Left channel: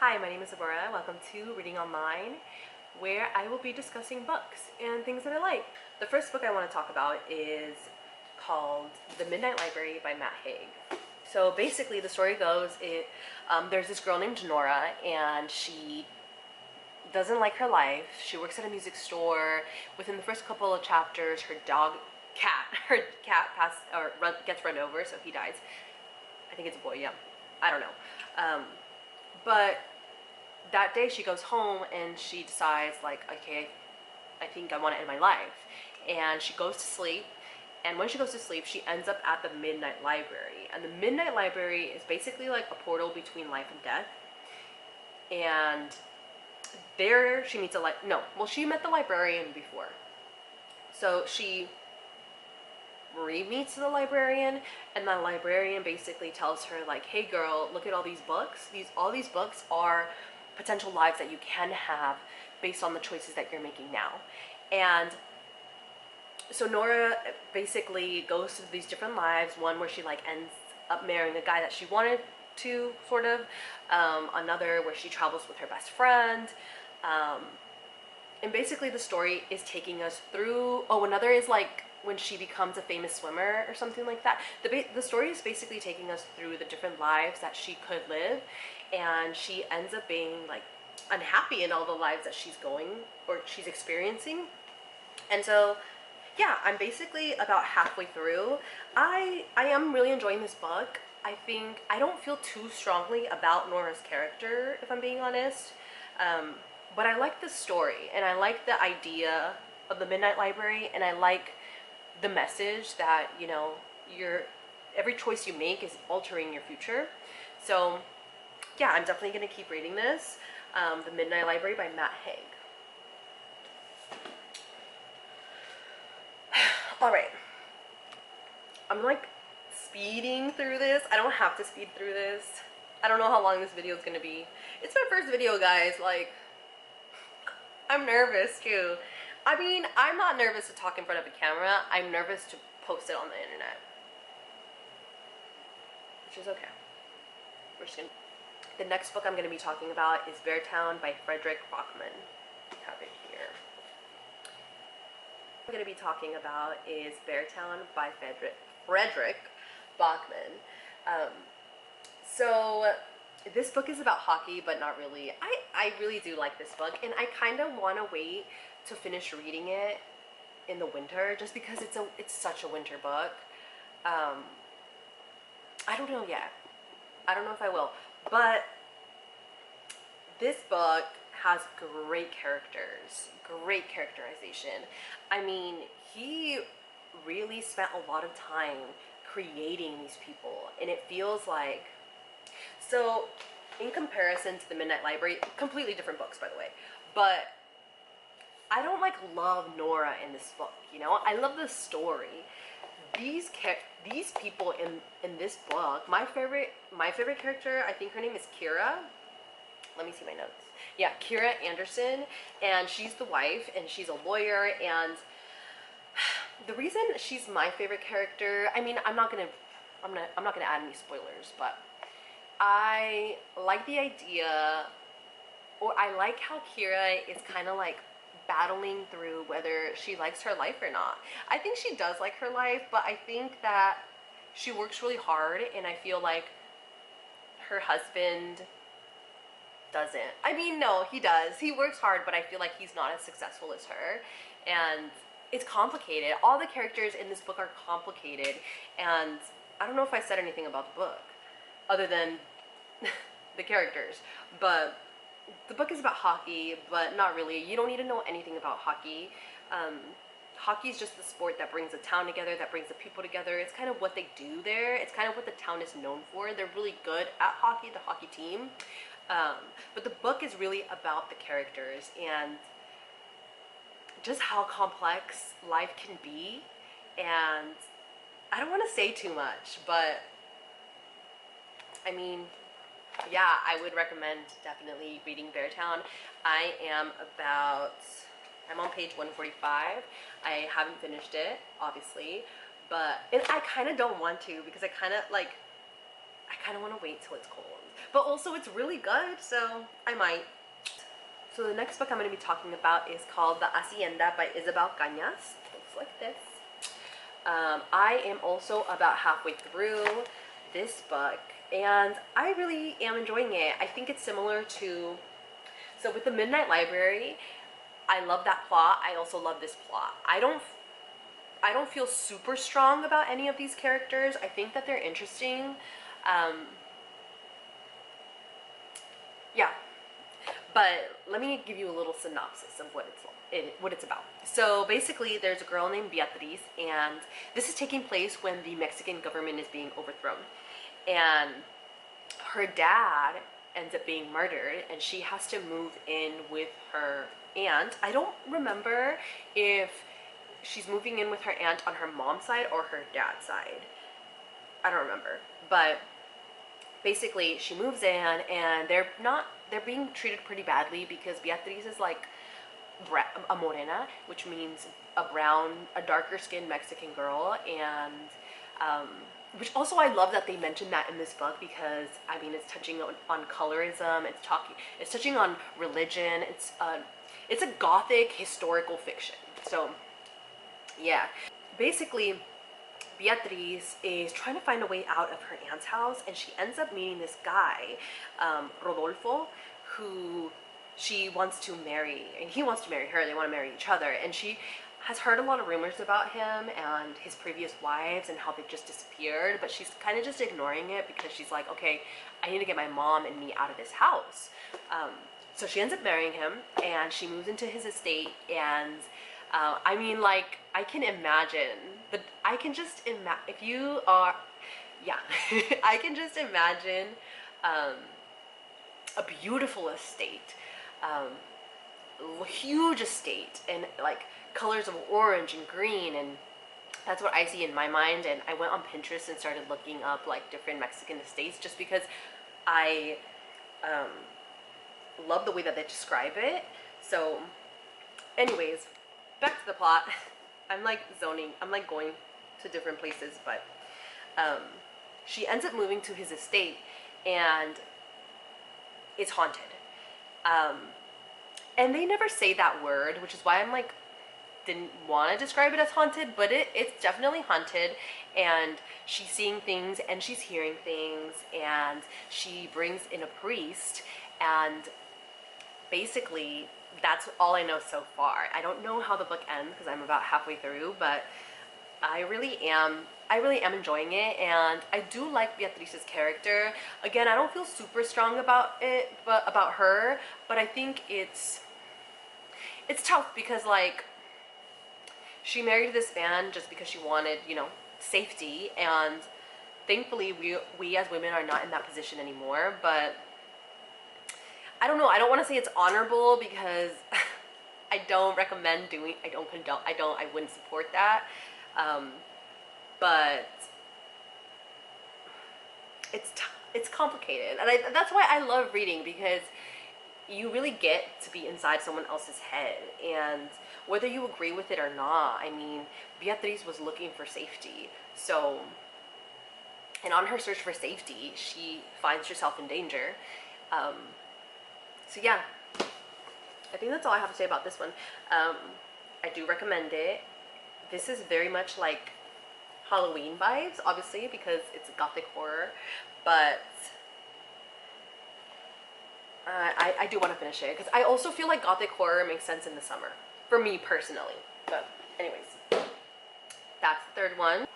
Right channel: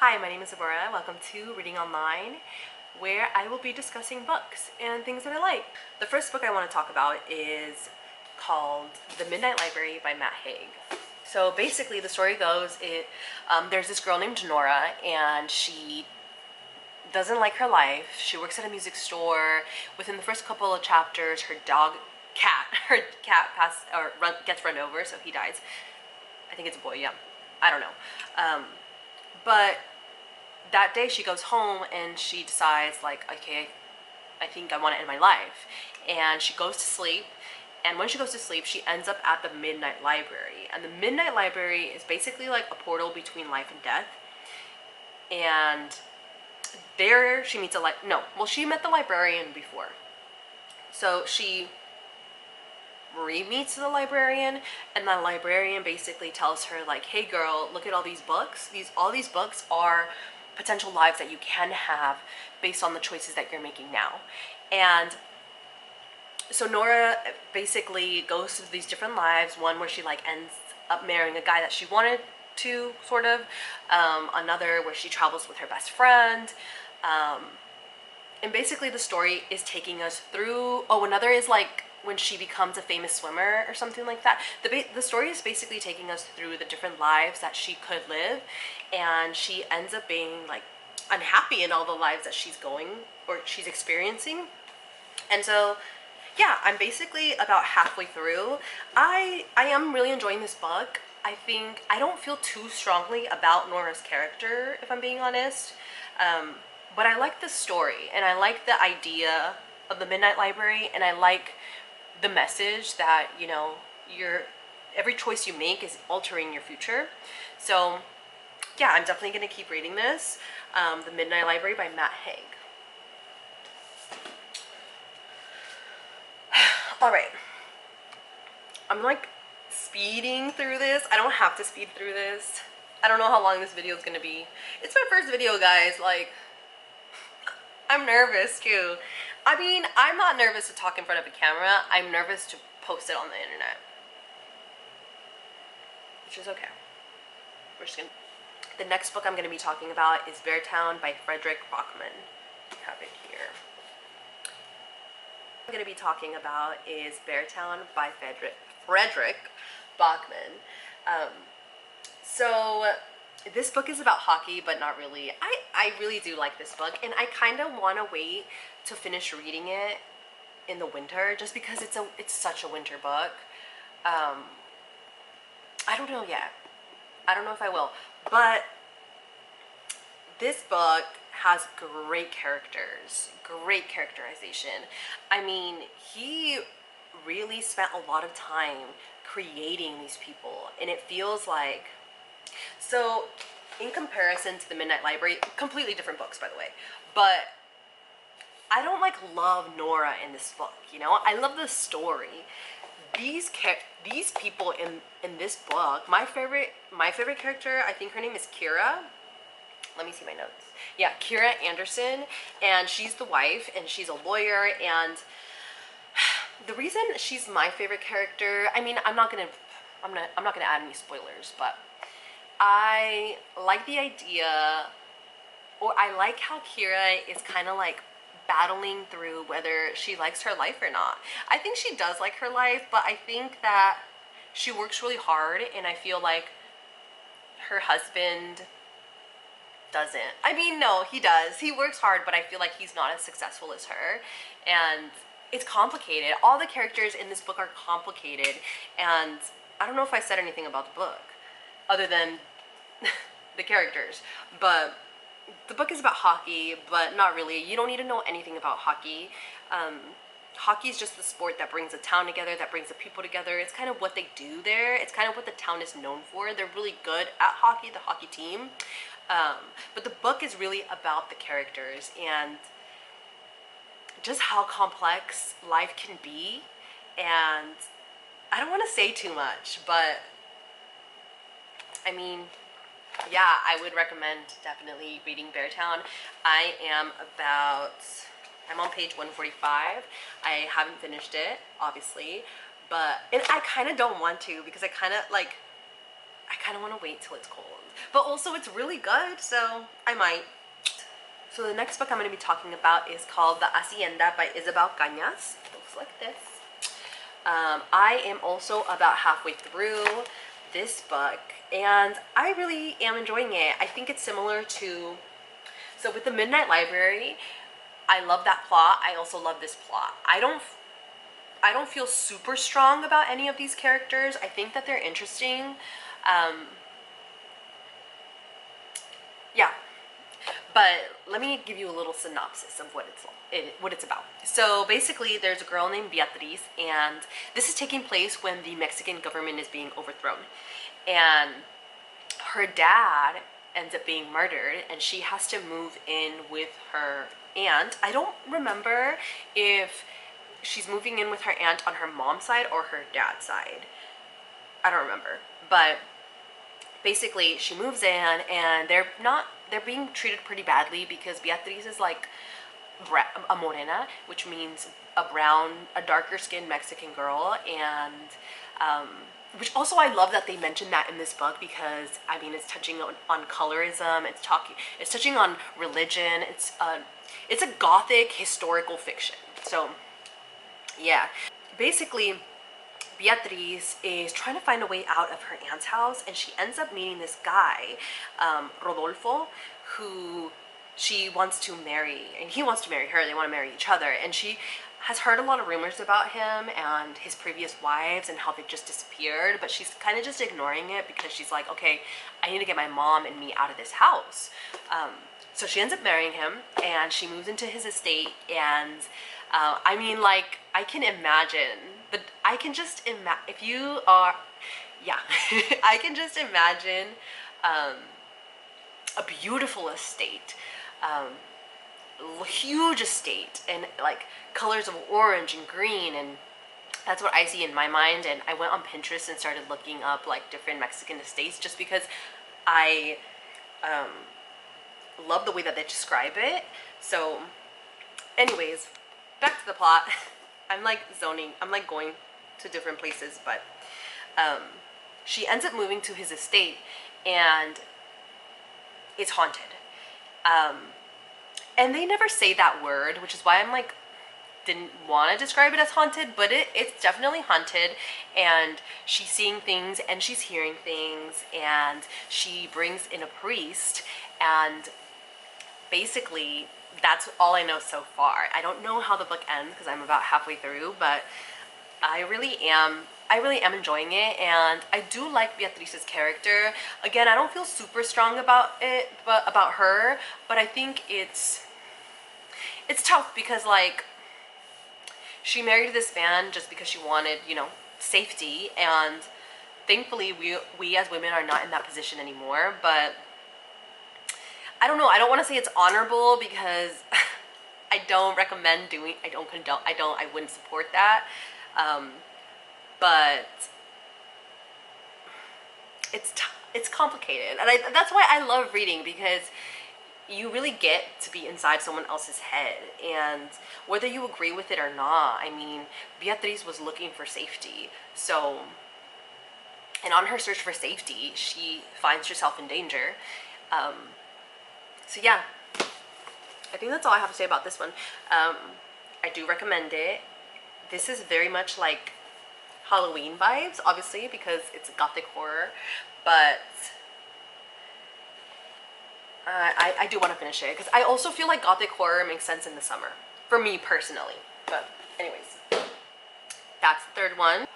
Hi, my name is Aurora. Welcome to Reading Online, where I will be discussing books and things that I like. The first book I want to talk about is called The Midnight Library by Matt Haig. So basically the story goes, there's this girl named Nora, and she doesn't like her life. She works at a music store. Within the first couple of chapters, her cat gets run over, so he dies. I think it's a boy, yeah. I don't know. But that day she goes home and she decides, like, okay, I think I want to end my life. And she goes to sleep. And when she goes to sleep, she ends up at the Midnight Library. And the Midnight Library is basically like a portal between life and death. And there she meets she met the librarian before. So she re-meets the librarian, and the librarian basically tells her, like, hey girl, look at all these books. All these books are potential lives that you can have based on the choices that you're making now. And so Nora basically goes through these different lives, one where she like ends up marrying a guy that she wanted to, sort of, another where she travels with her best friend, and basically the story is taking us through, another is like when she becomes a famous swimmer or something like that. The story is basically taking us through the different lives that she could live, and she ends up being like unhappy in all the lives that she's experiencing. And so yeah, I'm basically about halfway through. I am really enjoying this book. I don't feel too strongly about Nora's character, if I'm being honest. But I like the story, and I like the idea of the Midnight Library, and I like the message that, you know, every choice you make is altering your future. So yeah, I'm definitely going to keep reading this. The Midnight Library by Matt Haig. All right, I'm like speeding through this. I don't have to speed through this. I don't know how long this video is going to be. It's my first video, guys. Like, I'm nervous too. I mean, I'm not nervous to talk in front of a camera. I'm nervous to post it on the internet, which is okay. The next book I'm going to be talking about is Beartown by Frederick Bachman. I have it here. I'm going to be talking about is Beartown by Frederick Bachman. So this book is about hockey, but not really. I really do like this book, and I kind of want to wait to finish reading it in the winter, just because it's such a winter book. I don't know yet. I don't know if I will, but this book has great characters, great characterization. I mean, he really spent a lot of time creating these people, and it feels like, so in comparison to the Midnight Library, completely different books, by the way, but I don't like love Nora in this book, you know? I love the story. These people in this book, my favorite character, I think her name is Kira. Let me see my notes. Yeah, Kira Anderson, and she's the wife, and she's a lawyer. And the reason she's my favorite character, I mean, I'm not gonna add any spoilers, but I like the idea, or I like how Kira is kind of like battling through whether she likes her life or not. I think she does like her life, but I think that she works really hard, and I feel like her husband doesn't. I mean, no, he does. He works hard, but I feel like he's not as successful as her, and it's complicated. All the characters in this book are complicated, and I don't know if I said anything about the book other than the characters, but the book is about hockey, but not really. You don't need to know anything about hockey. Hockey is just the sport that brings a town together, that brings the people together. It's kind of what they do there. It's kind of what the town is known for. They're really good at hockey, the hockey team. But the book is really about the characters and just how complex life can be. And I don't want to say too much, but I mean, yeah, I would recommend definitely reading Beartown. I'm on page 145. I haven't finished it, obviously, and I kind of don't want to, because I kind of want to wait till it's cold. but also it's really good, so I might. So the next book I'm going to be talking about is called The Hacienda by Isabel Cañas. It looks like this. I am also about halfway through this book, and I really am enjoying it. I think it's similar to, so with the Midnight Library, I love that plot. I also love this plot. I don't feel super strong about any of these characters. I think that they're interesting. Yeah, but let me give you a little synopsis of what it's about. So basically, there's a girl named Beatriz, and this is taking place when the Mexican government is being overthrown, and her dad ends up being murdered, and she has to move in with her aunt. I don't remember if she's moving in with her aunt on her mom's side or her dad's side. I don't remember, but basically she moves in, and they're being treated pretty badly because Beatriz is like a morena, which means a darker skinned Mexican girl, and which also I love that they mentioned that in this book, because I mean it's touching on colorism, it's touching on religion, it's a gothic historical fiction. So yeah, basically Beatriz is trying to find a way out of her aunt's house, and she ends up meeting this guy, Rodolfo, who she wants to marry, and he wants to marry her. They want to marry each other, and she has heard a lot of rumors about him and his previous wives and how they just disappeared, but she's kind of just ignoring it because she's like, okay, I need to get my mom and me out of this house. So she ends up marrying him, and she moves into his estate, and I mean, like, I can imagine, but I can just imagine, if you are, yeah, I can just imagine a beautiful estate, huge estate, and like colors of orange and green, and that's what I see in my mind. And I went on Pinterest and started looking up like different Mexican estates just because I love the way that they describe it. So anyways, back to the plot. I'm like zoning, I'm like going to different places, but she ends up moving to his estate, and it's haunted. And they never say that word, which is why I'm like, didn't want to describe it as haunted, but it's definitely haunted, and she's seeing things and she's hearing things, and she brings in a priest, and basically that's all I know so far. I don't know how the book ends because I'm about halfway through, but I really am enjoying it, and I do like Beatriz's character. Again, I don't feel super strong about it, but about her, but I think it's tough because like she married this man just because she wanted, you know, safety, and thankfully we as women are not in that position anymore. But I don't know, I don't want to say it's honorable because I don't recommend doing, I don't condone, I wouldn't support that. But it's complicated, and that's why I love reading, because you really get to be inside someone else's head, and whether you agree with it or not, I mean, Beatriz was looking for safety, so, and on her search for safety, she finds herself in danger. So yeah, I think that's all I have to say about this one. I do recommend it. This is very much like Halloween vibes, obviously, because it's gothic horror, but I do want to finish it because I also feel like gothic horror makes sense in the summer, for me personally. But anyways, that's the third one.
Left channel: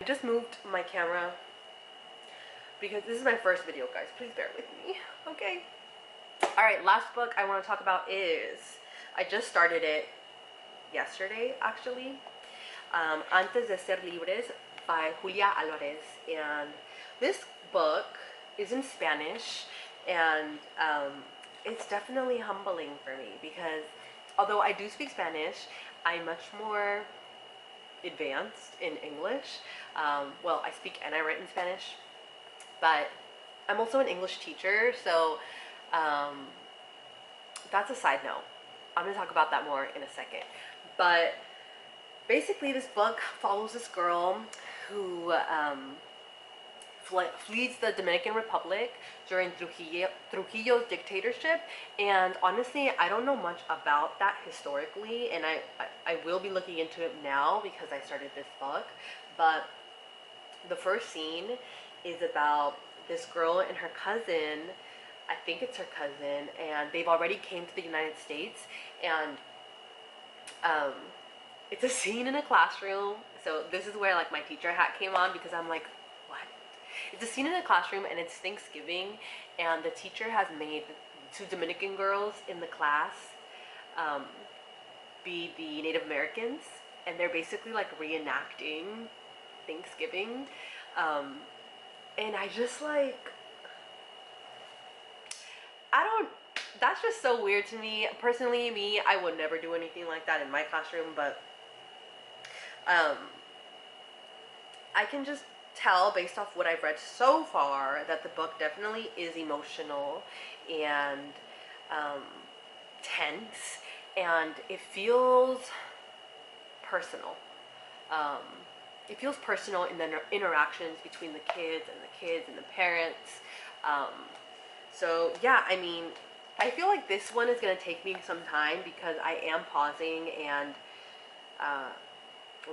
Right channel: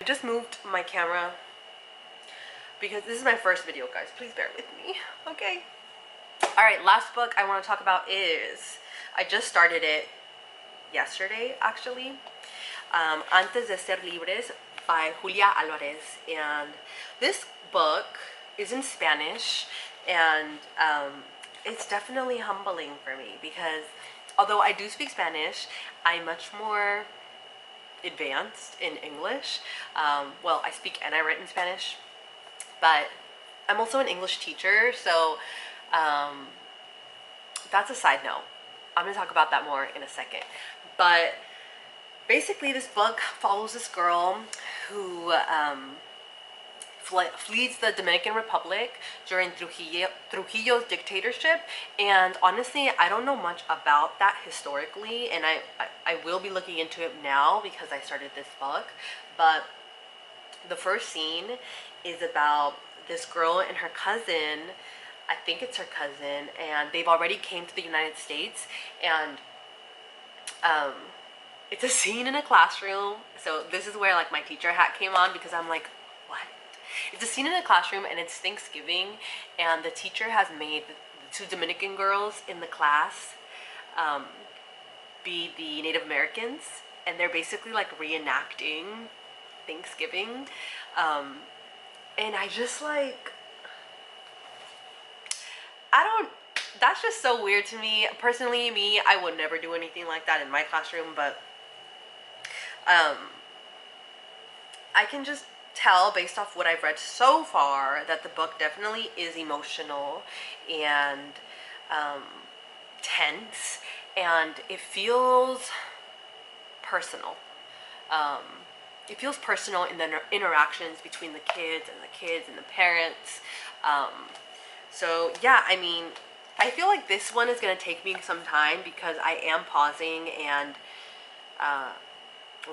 I just moved my camera because this is my first video, guys. Please bear with me, okay? Alright, last book I want to talk about is, I just started it yesterday, actually. Antes de Ser Libres by Julia Alvarez. And this book is in Spanish, and it's definitely humbling for me because although I do speak Spanish, I'm much more advanced in English. Well, I speak and I write in Spanish, but I'm also an English teacher, so that's a side note. I'm gonna talk about that more in a second. But basically, this book follows this girl who flees the Dominican Republic during Trujillo's dictatorship. And honestly, I don't know much about that historically, and I will be looking into it now because I started this book. But the first scene is about this girl and her cousin. I think it's her cousin, and they've already came to the United States. And um, it's a scene in a classroom. So this is where like my teacher hat came on, because I'm like, what? It's a scene in a classroom, and it's Thanksgiving, and the teacher has made the two Dominican girls in the class be the Native Americans, and they're basically like reenacting Thanksgiving. And I just like, that's just so weird to me. Personally, I would never do anything like that in my classroom, but I can just tell based off what I've read so far that the book definitely is emotional and tense, and it feels personal. It feels personal in the interactions between the kids and the parents. So yeah, I mean, I feel like this one is going to take me some time because I am pausing and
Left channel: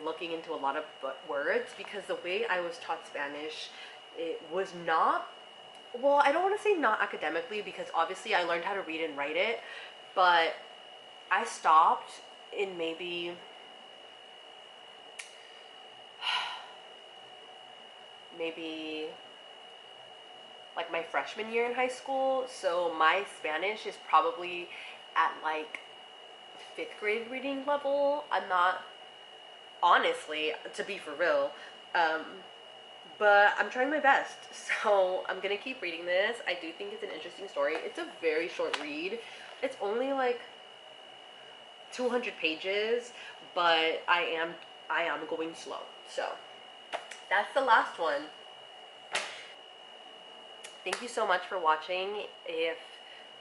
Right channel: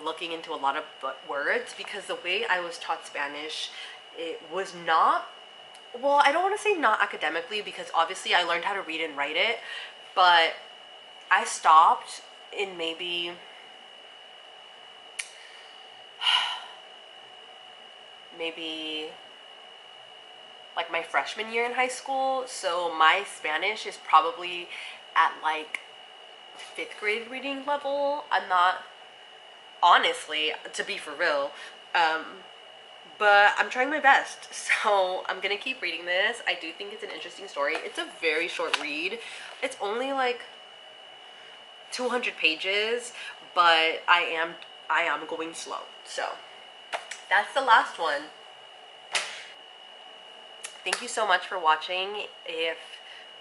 looking into a lot of words, because the way I was taught Spanish, it was not, well, I don't want to say not academically, because obviously I learned how to read and write it, but I stopped in maybe like my freshman year in high school. So my Spanish is probably at like 5th grade reading level. I'm not, honestly, to be for real, but I'm trying my best. So I'm gonna keep reading this. I do think it's an interesting story. It's a very short read. It's only like 200 pages, but I am going slow. So that's the last one. Thank you so much for watching. If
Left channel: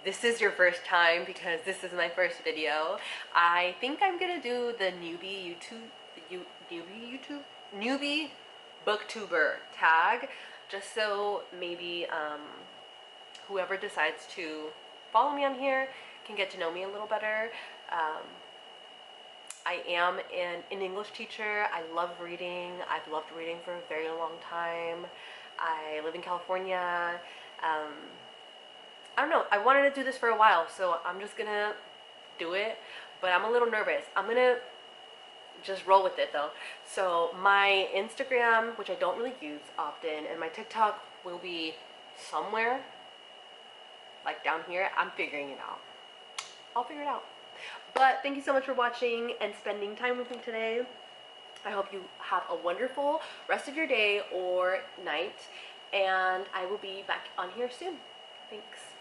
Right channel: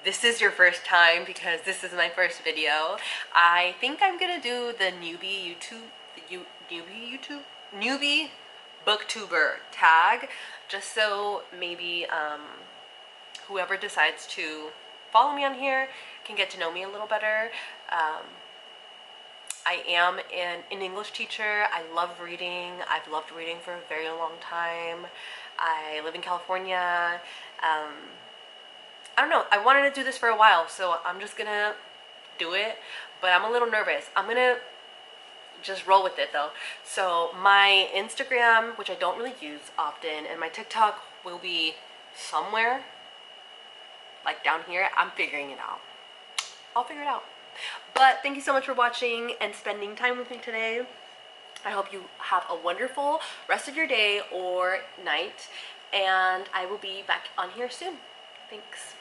this is your first time, because this is my first video, I think I'm gonna do the newbie booktuber tag, just so maybe whoever decides to follow me on here can get to know me a little better. I am an English teacher. I love reading. I've loved reading for a very long time. I live in California. I don't know. I wanted to do this for a while, so I'm just gonna do it. But I'm a little nervous. I'm gonna just roll with it though. So my Instagram, which I don't really use often, and my TikTok will be somewhere like down here. I'm figuring it out. I'll figure it out. But thank you so much for watching and spending time with me today. I hope you have a wonderful rest of your day or night, and I will be back on here soon. Thanks.